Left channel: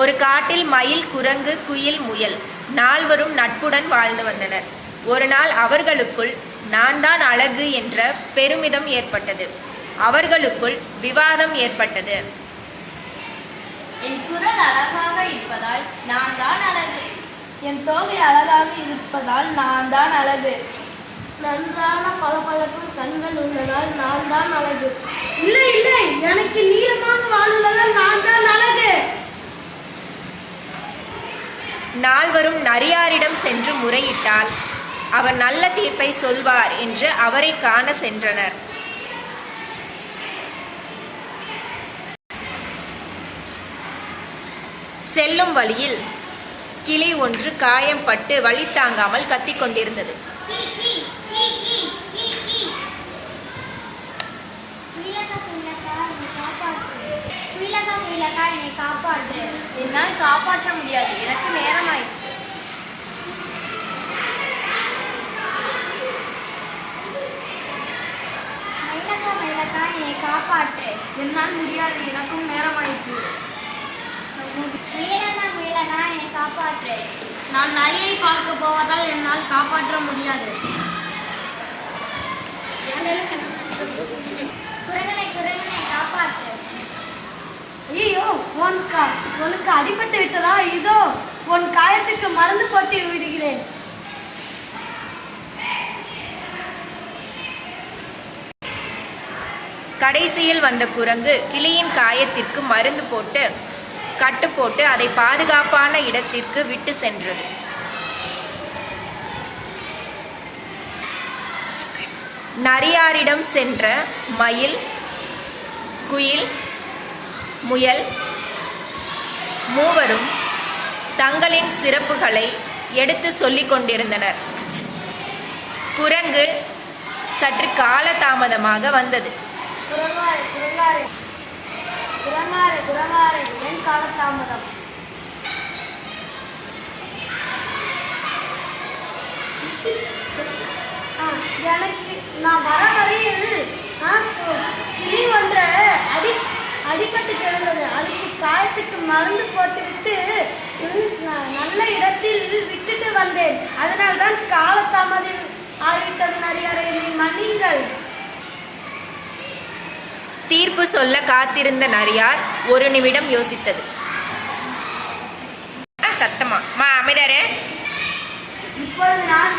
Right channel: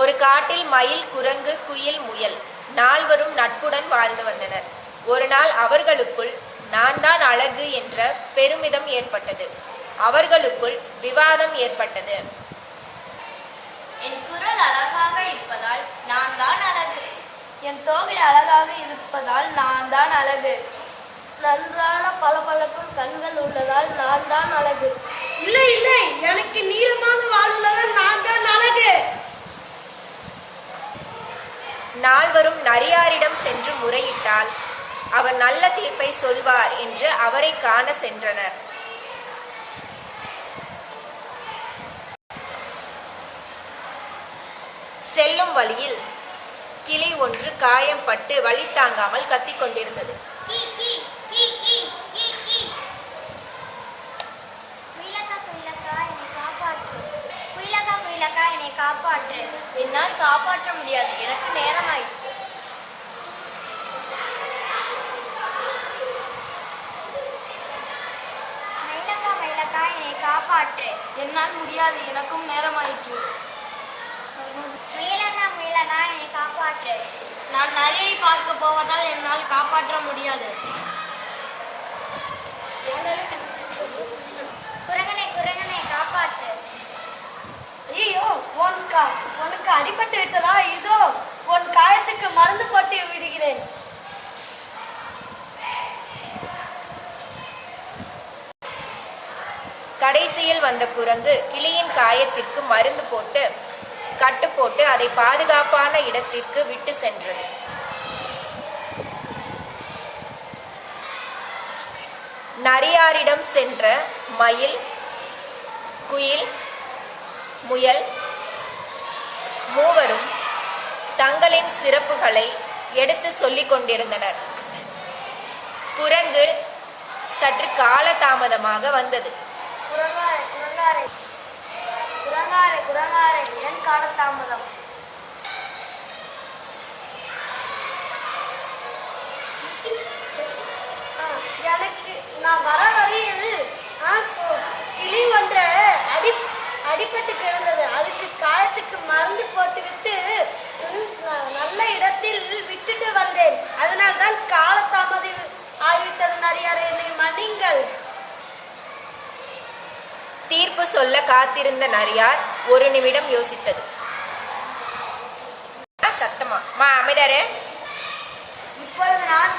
ஒரு காட்டில் மயில் குரங்கு குயில் முயல் நால்வரும் நட்புடன் வாழ்ந்து வந்தனர். ஒரு நாள் அவர்களுக்குள் நான் தான் அழகு என்ற பெருமிதம் ஏற்பட்டது. அவர்களுக்குள் விவாதம் ஏற்பட்டது. என் குரல் அழகாக இருப்பதால் நான் தான் அழகு. என் தோகை அழகாக இருப்பதால் நான் தான் அழகு. நன்றான பளபளக்கும் கண்கள் உள்ளதால் நான் தான் அழகு. இல்லை இல்லை எனக்கு நீளமான வால் உள்ளதால் நான் தான் அழகு நால்வரும் நரியாரிடம் சென்று முறையிட்டால் அவர் நல்ல தீர்ப்பை சொல்வார் என்று அவரை காண சென்றனர். செல்லும் வழியில் கிளி ஒன்று காயம் பட்டு வழி தாங்காமல் கத்திக்கொண்டிருந்தது. குயிலக்கா என்னை காப்பாற்று. என்னால் காப்பாற்ற முடியாது. எனக்கு நேரமாயிற்று. மயிலக்கா மயிலக்கா என்னை காப்பாற்று. என்னால் முடியாது. எனக்கும் நேரமாயிற்று. முயலக்கா முயலக்கா என்னை காப்பாற்று. நான் நரியை பார்க்க போவதால் என்னால் காப்பாற்ற முடியாது. அடிபட்டு விட்டதா? இதோ உன் காயத்துக்கு மருந்து போட்டு விடுகிறேன். கடைசியில் வந்த குரங்கு கிளியின் காயத்திற்கு மருந்து போட்டு கட்டு போட்டு அதை பாதுகாப்பான இடத்திற்கு விட்டு சென்றது. நரியாரிடம் சென்ற மயில் குயில் முயல் மூவரும் தங்களின் சிறப்புகளை எடுத்து சொல்லிக் கொண்டிருந்தனர். குரங்கு சற்று காலதாமதமாக வந்தது. எனக்கு நான் வர வழியில் ஆ, கிளி ஒன்ற அடி அடிபட்டு கிடந்தது அதுக்கு காயத்துக்கு மருந்து போட்டுவிட்டு ம், நான் நல்ல இடத்தில் விட்டுட்டு வந்தேன் அதனால் தான் காலதாமதம் ஆகிவிட்டது நரியாரே மன்னிங்கள் தீர்ப்பு சொல்ல காத்திருந்த நரியார் ஒரு நிமிடம் யோசித்தது. சத்தமா. மா அமைதாரு இப்பொழுது நான்